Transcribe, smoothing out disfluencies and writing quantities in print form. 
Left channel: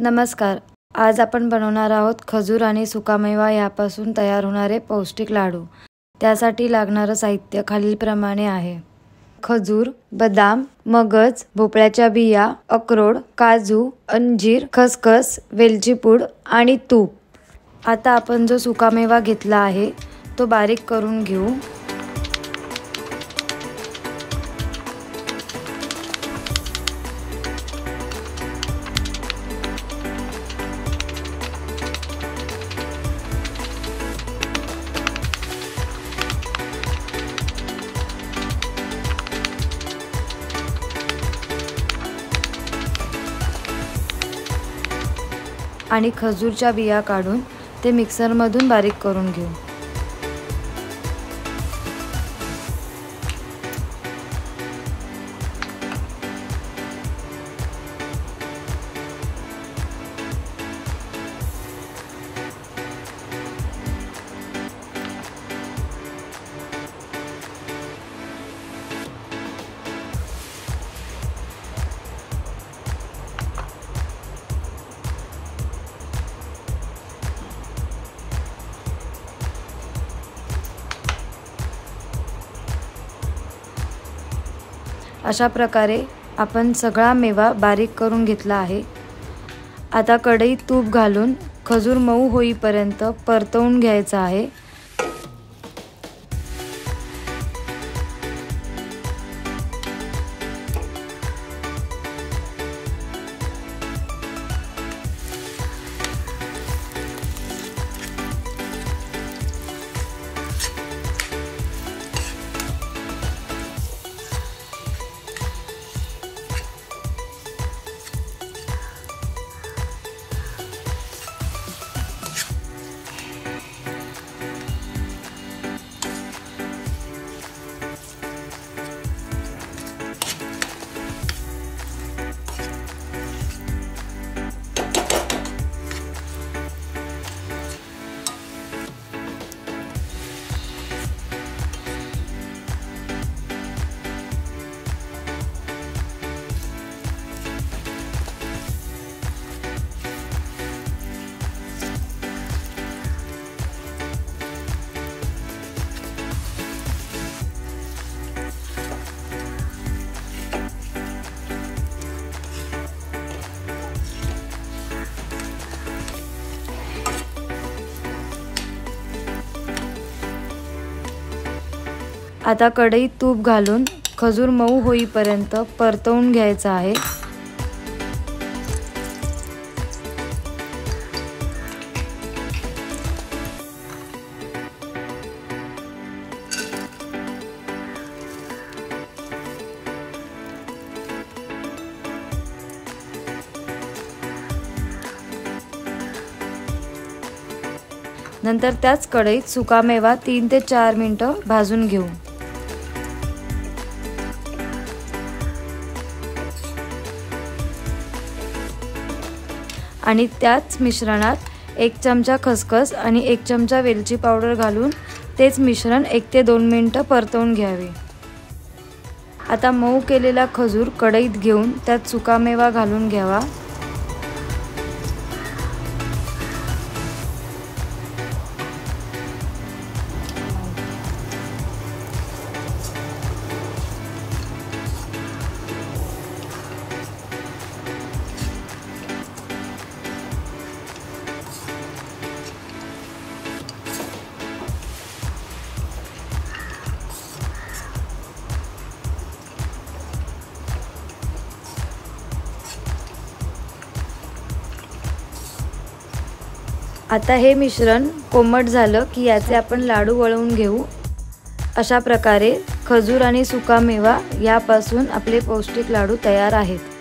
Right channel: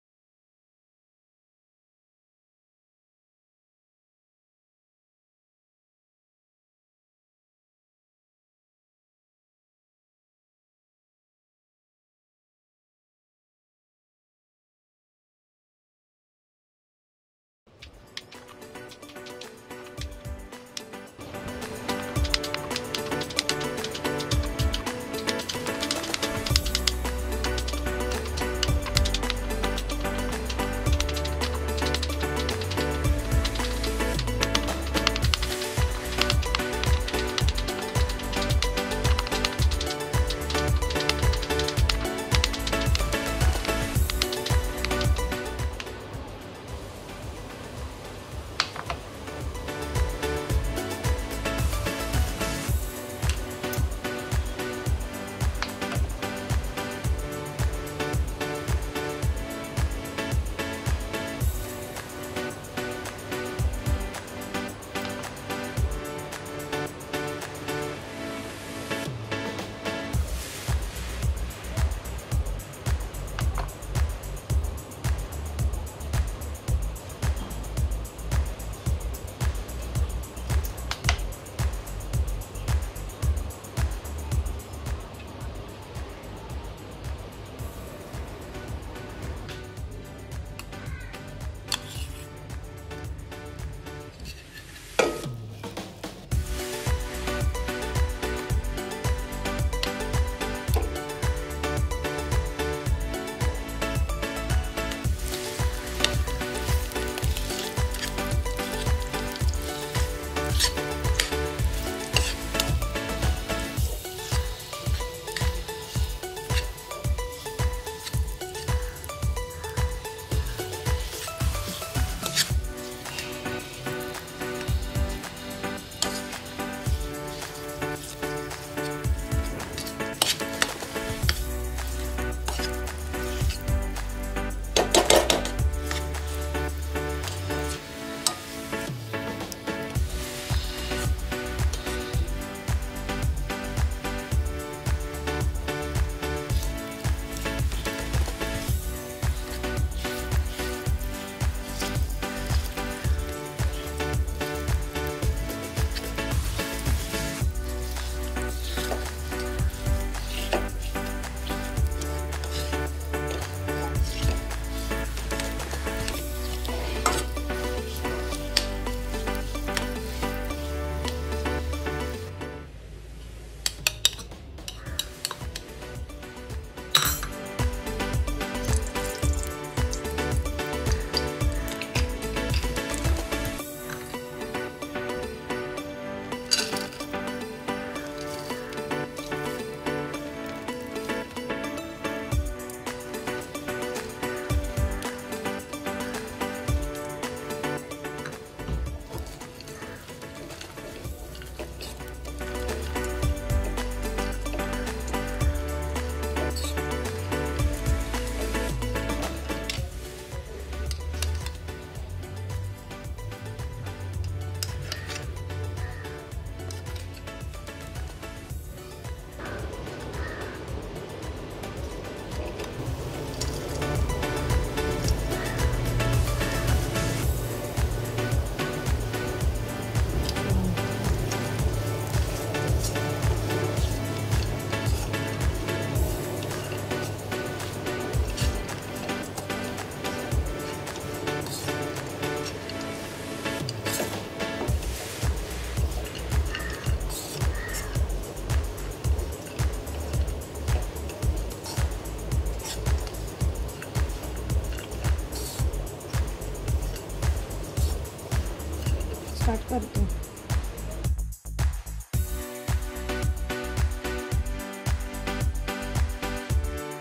नमस्कार. आज आपण बनवणार आहोत खजूर आणि सुकामेवा यापासून तयार होणारे पौष्टिक लाडू. त्यासाठी लागणारं साहित्य खालीलप्रमाणे आहे. खजूर, बदाम, मगज, भोपळ्याच्या बिया, अक्रोड, काजू, अंजीर, खसखस, वेलची पूड आणि तूप. आता आपण जो सुकामेवा घेतला आहे तो बारीक करून घेऊ. आणि खजूरच्या बिया काढून ते मिक्सरमधून बारीक करून घेऊ. अशा प्रकारे आपण सगळा मेवा बारीक करून घेतला आहे. आता कढईत तूप घालून खजूर मऊ होईपर्यंत परतवून घ्यायचा आहे. आता कढईत तूप घालून खजूर मऊ होईपर्यंत परतवून घ्यायचा आहे. नंतर त्याच कढईत सुकामेवा 3 ते 4 मिनिटं भाजून घेऊ. आणि त्याच मिश्रणात 1 चमचा खसखस आणि 1 चमचा वेलची पावडर घालून तेच मिश्रण 1 ते 2 मिनिटं परतवून घ्यावे. आता मऊ केलेला खजूर कढईत घेऊन त्यात सुकामेवा घालून घ्यावा. आता हे मिश्रण कोमट झालं की याचे आपण लाडू वळवून घेऊ. अशा प्रकारे खजूर आणि सुकामेवा यापासून आपले पौष्टिक लाडू तयार आहेत.